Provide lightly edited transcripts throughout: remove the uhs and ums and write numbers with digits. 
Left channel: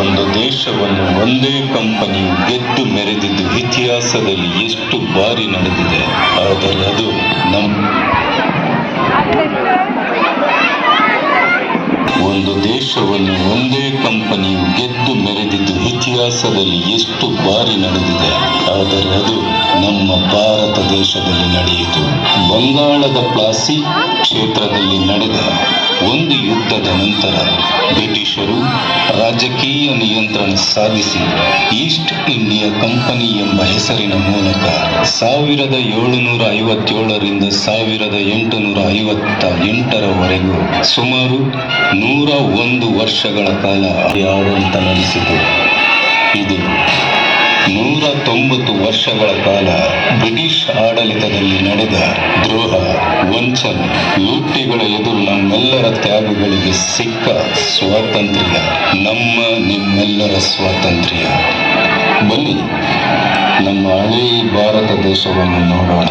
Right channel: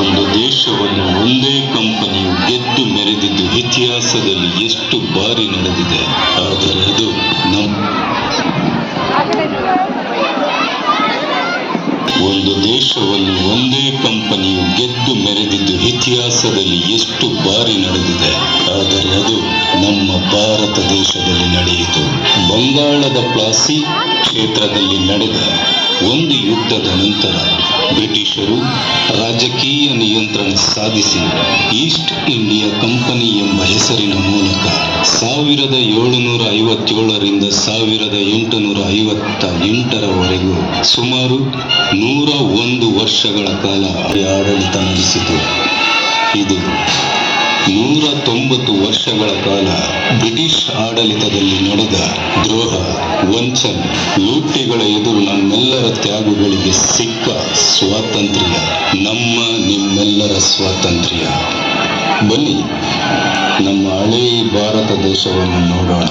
ಒಂದು ದೇಶವನ್ನು ಒಂದೇ ಕಂಪನಿಯು ಗೆದ್ದು ಮೆರೆದಿದ್ದು ಇತಿಹಾಸದಲ್ಲಿ ಎಷ್ಟು ಬಾರಿ ನಡೆದಿದೆ. ಆದರೆ ಅದು ಒಂದು ದೇಶವನ್ನು ಒಂದೇ ಕಂಪನಿಯು ಗೆದ್ದು ಮೆರೆದಿದ್ದು ಇತಿಹಾಸದಲ್ಲಿ ಎಷ್ಟು ಬಾರಿ ನಡೆದಿದೆ. ಆದರೆ ಅದು ನಮ್ಮ ಭಾರತ ದೇಶದಲ್ಲಿ ನಡೆಯಿತು. ಬಂಗಾಳದ ಪ್ಲಾಸಿ ಕ್ಷೇತ್ರದಲ್ಲಿ ನಡೆದ ಒಂದು ಯುದ್ಧದ ನಂತರ ಬ್ರಿಟಿಷರು ರಾಜಕೀಯ ನಿಯಂತ್ರಣ ಸಾಧಿಸಿ ಈಸ್ಟ್ ಇಂಡಿಯಾ ಕಂಪನಿ ಎಂಬ ಹೆಸರಿನ ಮೂಲಕ 1757ರಿಂದ 1858ರವರೆಗೂ ಸುಮಾರು 101 ವರ್ಷಗಳ ಕಾಲ ಆಡಳಿತ ನಡೆಸಿತು. ಇದು 190 ವರ್ಷಗಳ ಕಾಲ ಬ್ರಿಟಿಷ್ ಆಡಳಿತದಲ್ಲಿ ನಡೆದ ದ್ರೋಹ, ವಂಚನೆ, ಲೂಟಿಗಳ ಎದುರು ನಮ್ಮೆಲ್ಲರ ತ್ಯಾಗಗಳಿಗೆ ಸಿಕ್ಕ ಸ್ವಾತಂತ್ರ್ಯ ನಿಮ್ಮೆಲ್ಲರ ಸ್ವಾತಂತ್ರ್ಯ. ಬನ್ನಿ ನಮ್ಮ ಹಳೇ ಭಾರತ ದೇಶವನ್ನು ನೋಡೋಣ.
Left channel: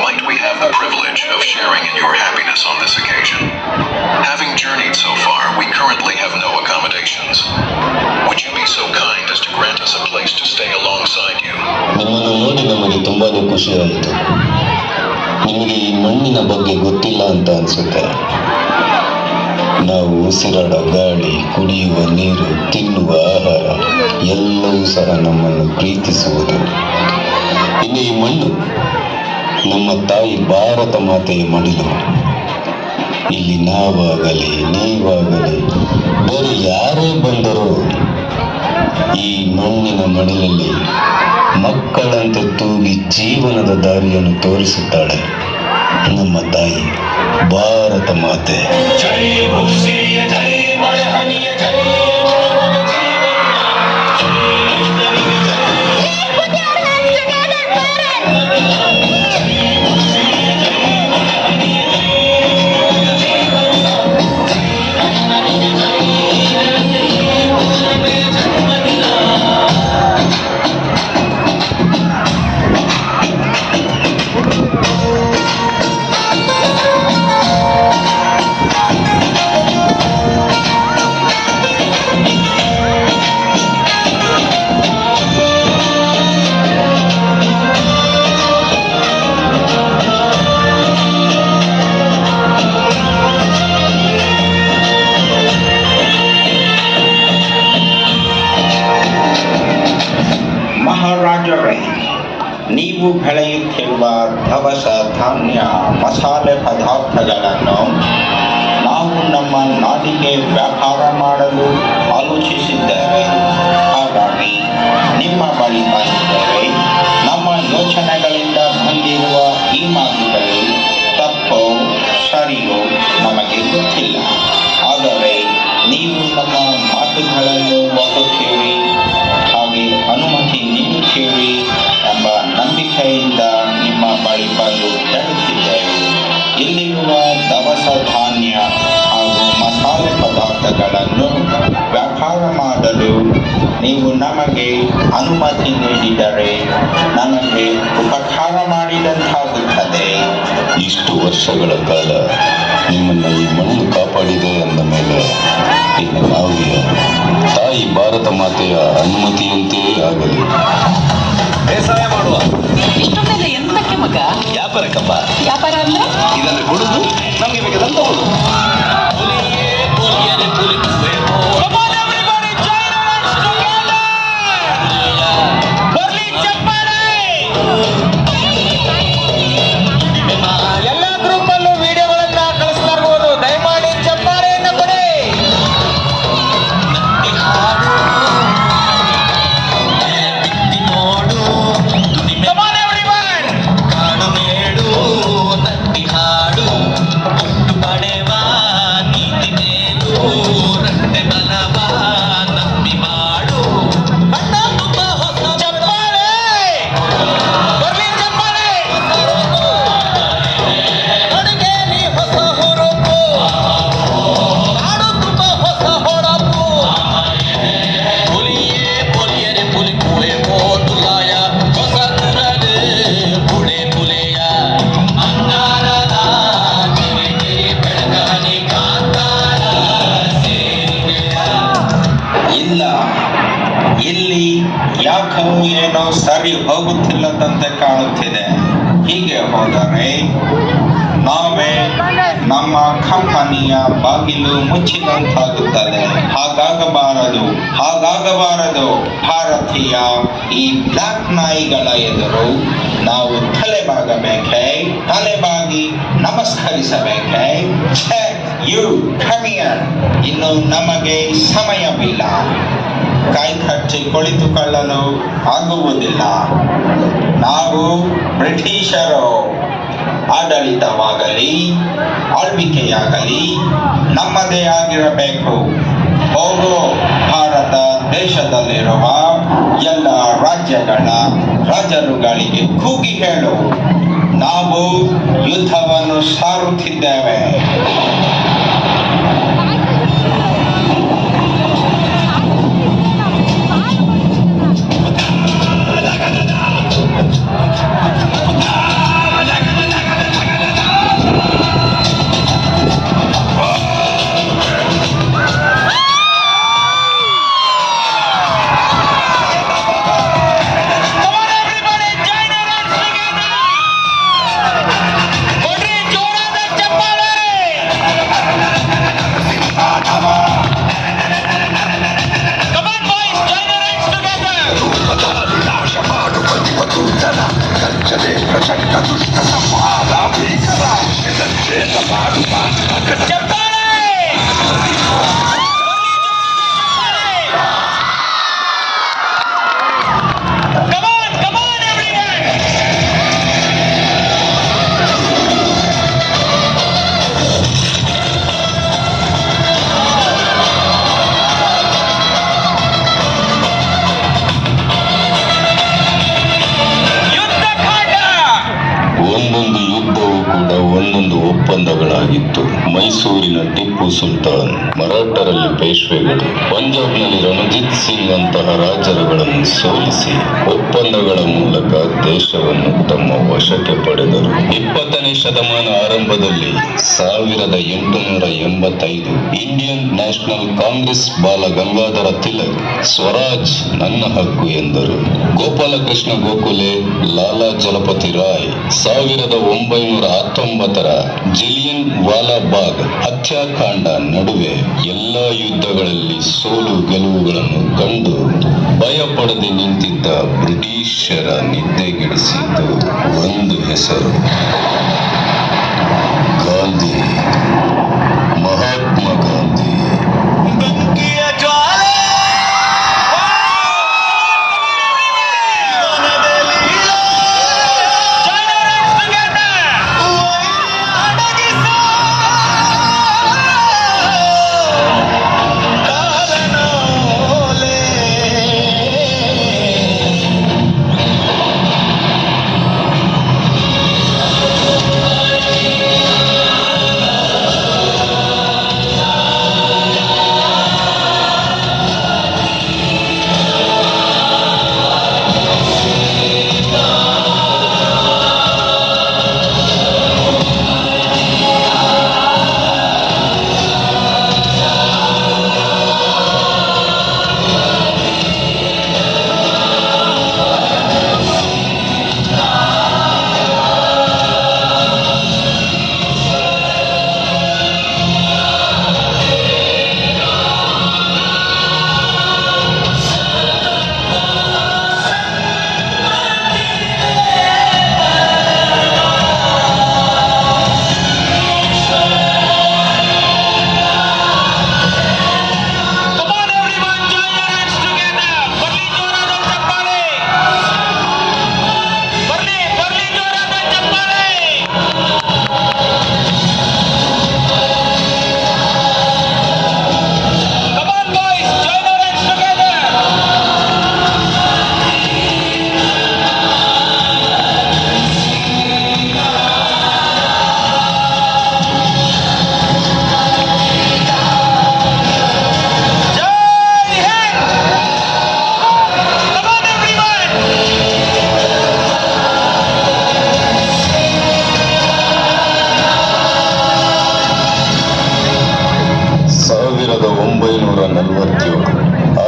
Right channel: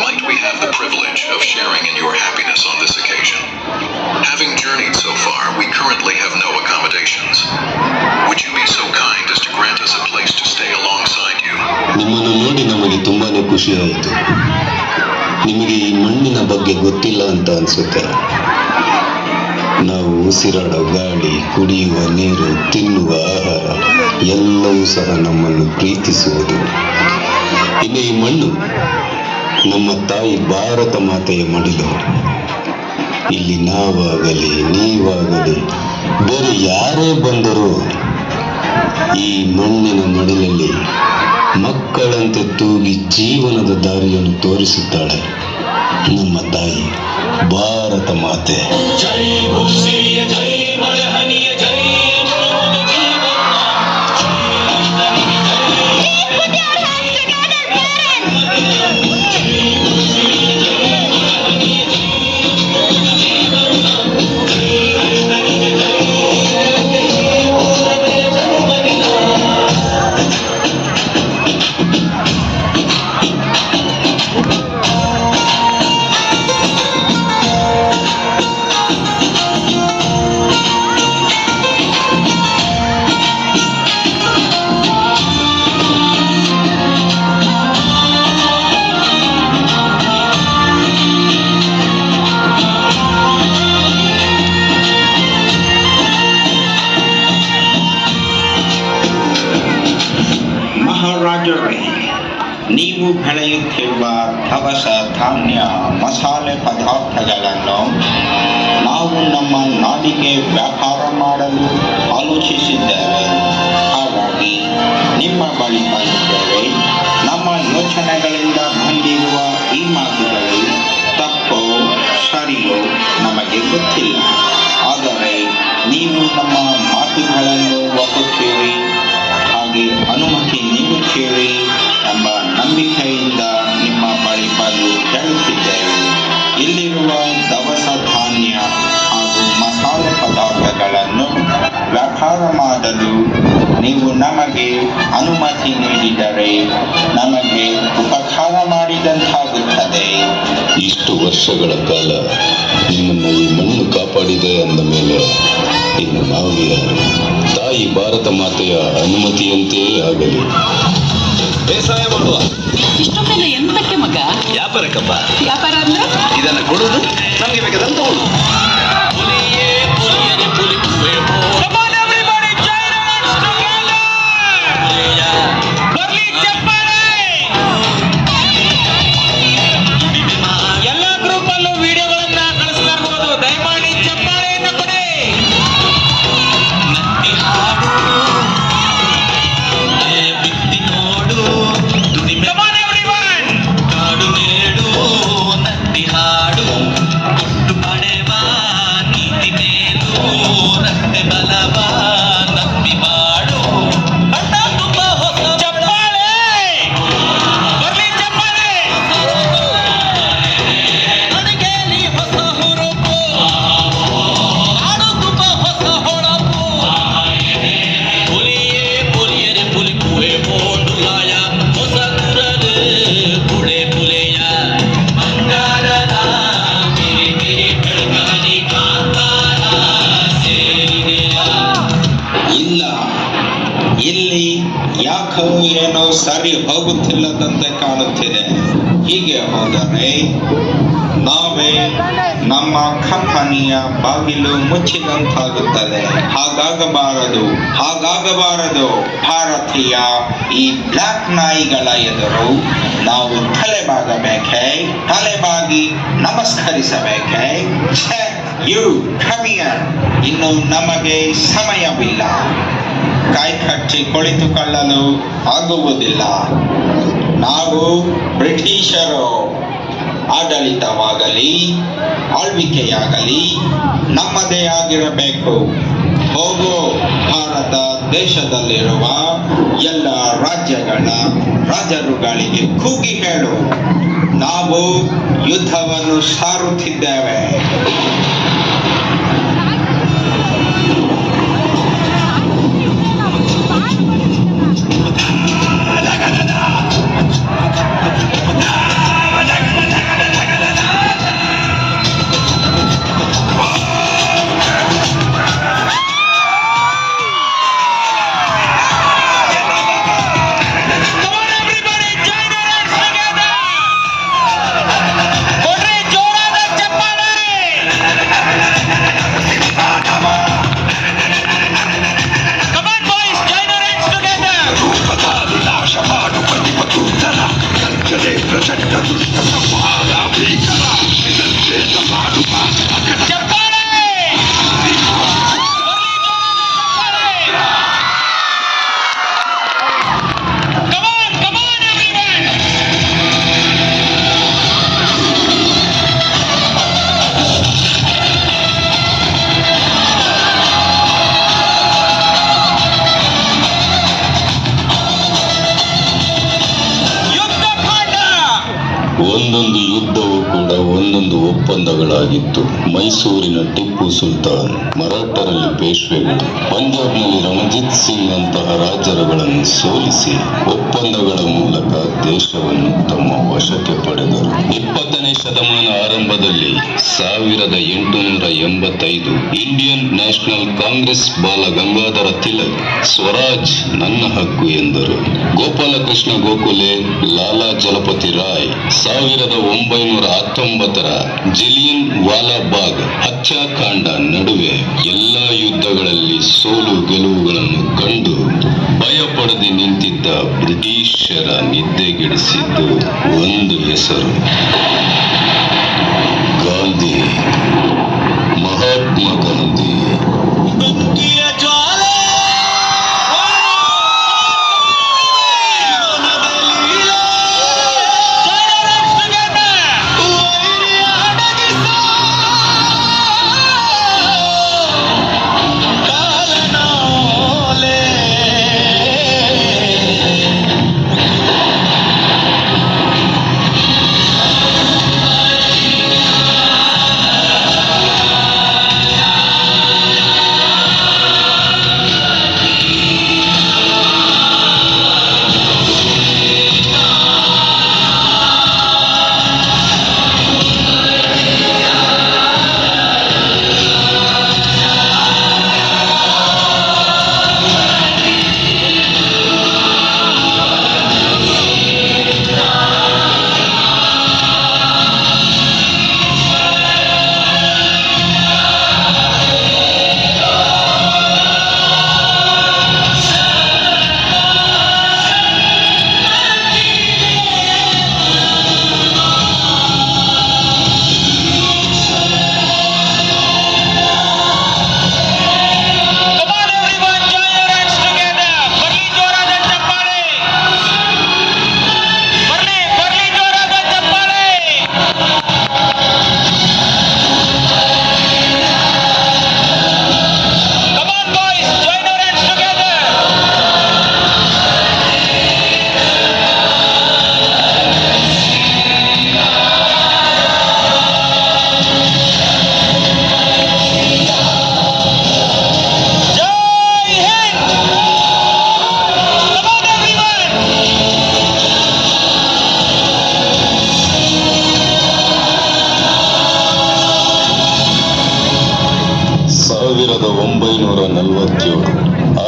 Might we have the privilege of sharing in your happiness on this occasion? Having journeyed so far, we currently have no accommodations. Would you be so kind as to grant us a place to stay alongside you? ನಿಮ್ಮನ್ನು ನೋಡಿ ನಮಗೆ ತುಂಬಾನೇ ಖುಷಿ ಆಯಿತು. ನಿಮಗೆ ಈ ಮಣ್ಣಿನ ಬಗ್ಗೆ ಗೊತ್ತಿಲ್ಲ ಅಂತ ಅನ್ಸುತ್ತೆ. ನಾವು ಉಸಿರಾಡೋ ಗಾಳಿ, ಕುಡಿಯುವ ನೀರು, ತಿನ್ನುವ ಆಹಾರ ಎಲ್ಲವೂ ಸಹ ನಮ್ಮನ್ನು ಪ್ರೀತಿಸುವುದು. ಇನ್ನು ಈ ಮಣ್ಣು ನಮ್ಮ ತಾಯಿ ಭಾರತ ಮಾತೆಯ ಮಡಿಲು. ಇಲ್ಲಿ ನಾವಾಗಲಿ ನೀವಾಗಲಿ ಬೇರೆ ಯಾರೇ ಬಂದರೂ ಈ ಮಣ್ಣಿನ ಮಡಿಲಲ್ಲಿ ಮಕ್ಕಳಂತೆ ತೂಗಿ ಜೀವನದ ದಾರಿಯನ್ನು ತೋರಿಸುತ್ತಾಳೆ ನಮ್ಮ ತಾಯಿ ಭಾರತ ಮಾತೆ. ನೀವು ಬೆಳೆಯುತ್ತಿರುವ ದವಸ ಧಾನ್ಯ ಮಸಾಲೆ ಪದಾರ್ಥಗಳನ್ನು ನಾವು ನಮ್ಮ ನಾಡಿಗೆ ವ್ಯಾಪಾರ ಮಾಡಲು ಆಲೋಚಿಸಿದ್ದೇವೆ. ಹಾಗಾಗಿ ನಿಮ್ಮ ಬಳಿ ಬಂದಿದ್ದೇವೆ. ನಮ್ಮ ಯೋಚನೆಗಳಿಂದ ಬಂದಿರುವ ಈ ಮಾತುಗಳು ತಪ್ಪೋ ಸರಿಯೋ ನಮಗೆ ಗೊತ್ತಿಲ್ಲ. ಆದರೆ ನೀವು ನಮ್ಮ ಮಾತುಗಳನ್ನು ಒಪ್ಪುತ್ತೀರಿ, ಹಾಗೆ ಅನುಮತಿ ನೀಡುತ್ತೀರಿ ಎಂಬ ನಂಬಿಕೆಯಿಂದ ನಿಮ್ಮ ಬಳಿ ಬಂದು ಹೇಳುತ್ತಿದ್ದೇವೆ. ಇಲ್ಲಿರುವ ದವಸ ಧಾನ್ಯ ಹಾಗೂ ಮಸಾಲೆ ಪದಾರ್ಥಗಳು ಅನುಮತಿ ನೀಡಿದರೆ ನಮಗೆ ಉಪಕಾರ ಮಾಡಿದಂತಾಗುತ್ತದೆ. ಇಷ್ಟು ವರ್ಷಗಳ ಕಾಲ ನಿಮ್ಮನ್ನು ಈ ಮಣ್ಣು ಕಾಪಾಡಿದೆ ಅಂದ ಮೇಲೆ ಇನ್ನು ನಾವು ಯಾರು? ತಾಯಿ ಭಾರತ ಮಾತೆಯ ಅನುಮತಿಯಂತೆಯೇ ಆಗಲಿ. ಬೇಸಾಯ ಮಾಡುವ. ಇಷ್ಟೊಂದೆಲ್ಲ ಎಂತಕ್ಕೆ ಮಗ? ವ್ಯಾಪಾರಕ್ಕಪ್ಪ. ವ್ಯಾಪಾರ ಅಂದ್ರೆ ಇದನ್ನು ಕೊಡುವುದು ನಮಗೆ ಬೇಕದಂತ ಎಲ್ಲ ಗ್ರೂಪ್ ಅಲ್ಲೂ ವಿಡಿಯೋಗಳನ್ನ ಕಳಿಸಲಾಗುವುದು. ದಯಮಾಡಿ ಚಪ್ಪಾಳೆಯನ್ನು ಕೊಡಿ. Come on, everyone! ಇಲ್ಲ, ಇಲ್ಲಿ ಯಾಕೋ ಏನೋ ಸರಿ ಹೋಗುತ್ತಿಲ್ಲದಂತೆ ಕಾಣುತ್ತಿದೆ. ಹೀಗೆ ಹೋದರೆ ನಾವೇ ನಮ್ಮ ಕಂಪನಿಯ ಬಾಗಿಲು ಮುಚ್ಚಿದಂತಾಗುತ್ತದೆ. ಹಾಗಾಗಬಾರದು. ಭಾರತೀಯ ಈ ಬ್ಲಾಕ್ ನಾಯಿಗಳ ಎದುರು ನಾವು ತಲೆಬಾಗಿ ನಮಸ್ಕರಿಸಬೇಕೆ? ಯು ಕಮಿಯರ್, ಇನ್ನು ನಮಗೆ ಸಮಯವಿಲ್ಲ. ಕೈ ಕಚ್ಚಿ ಕುಳಿತುಕೊಳ್ಳಲು ಆಗುವುದಿಲ್ಲ. ನಾವು ಬ್ರಿಟಿಷರು. ಆಡಳಿತವಾಗಲಿ ಆಳ್ವಿಕೆಯಾಗಲಿ ನಮ್ಮದೇ ಆಗಿರಬೇಕು. ಹೋಗೋ ಭಾರತ ದೇಶದಲ್ಲಿರುವ ಎಲ್ಲ ರಾಜ್ಯಗಳ ರಾಜರುಗಳಿಗೆ ಕೂಗಿ ಹೇಳು, ನಾವು ಯುದ್ಧವನ್ನು ಸಾರುತ್ತಿದ್ದೇವೆ. ಒಂದೊಂದು ಯುದ್ಧವೂ ಕೂಡ ಒಂದೊಂದು ಒಪ್ಪಂದಗಳಾಗಿತ್ತು. ಮೈಸೂರಿನ ಟಿಪ್ಪು ಸುಲ್ತಾನ್, ಮರಾಠರಲ್ಲಿ ಪೇಶ್ವೆಗಳು, ಪಂಜಾಬ್ನಲ್ಲಿ ರಣಜಿತ್ ಸಿಂಗ್ ಅಂತಹ ರಾಜರುಗಳನ್ನು ಸೋಲಿಸಿ ಒಪ್ಪಂದಗಳ ಮೂಲಕ ದೇಶವನ್ನು ತಮ್ಮ ವಶಕ್ಕೆ ಪಡೆದರು. 20ನೇ ಶತಮಾನ ಆರಂಭದಲ್ಲಿ 1885 ಇಂಡಿಯನ್ ನ್ಯಾಷನಲ್ ಕಾಂಗ್ರೆಸ್ ಬಾಲ ಗಂಗಾಧರ ತಿಲಕ್ ಸ್ವರಾಜ್ ನನ್ನ ಹಕ್ಕು ಎಂದರು. ಗೋಪಾಲಕೃಷ್ಣ ಗೋಖಲೆ, ಲಾಲಾ ಜಲಪತಿ ರಾಯ್ 1919ರ ಜಲಿಯನ್ ವಾಲಾಬಾಗ್ ಹತ್ಯಾಕಾಂಡ ನಡುವೆ ಎಲ್ಲ ಯುದ್ಧಗಳಲ್ಲಿ ಸೋಲು ಗೆಲುವುಗಳನ್ನು ಕಂಡು ಭಯಪಡದೆ ನಿಂತಿದ್ದ ಬ್ರಿಟಿಷರ ನಿದ್ದೆಗೆಡಿಸಿದ್ದು ಒಂದು ಹೆಸರು, ಗಾಂಧಿ, ಮಹಾತ್ಮ ಗಾಂಧಿ. 1947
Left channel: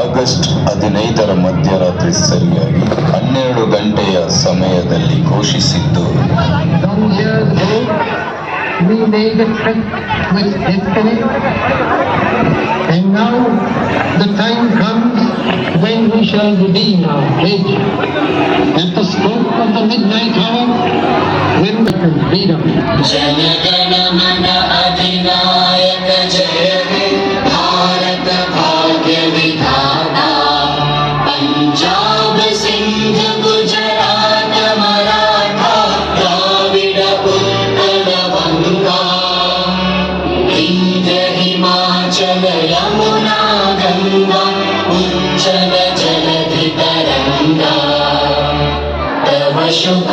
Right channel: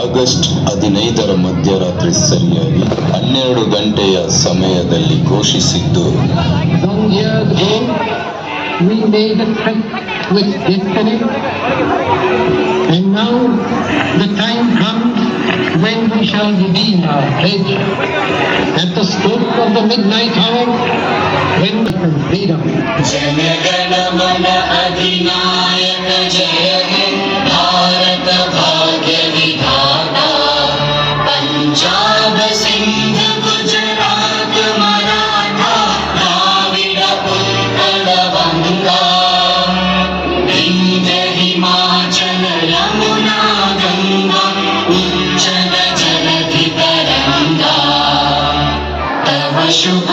ಆಗಸ್ಟ್ 15ರ ಮಧ್ಯರಾತ್ರಿ ಸರಿಯಾಗಿ 12 ಗಂಟೆಯ ಸಮಯದಲ್ಲಿ ಘೋಷಿಸಿದ್ದು Some years ago, we made a pact with destiny, and now the time comes when we shall redeem our pledge. At the stroke of the midnight hour, when we can freedom. Jana Gana Mana अधिनायक जय हे भारत भाग्य विधाता पंजाब सिंध गुजरात मराठा द्राविड उत्कल बंगा विंध्य हिमाचल यमुना गंगा उच्चल जलधि तरंगा तव शुभ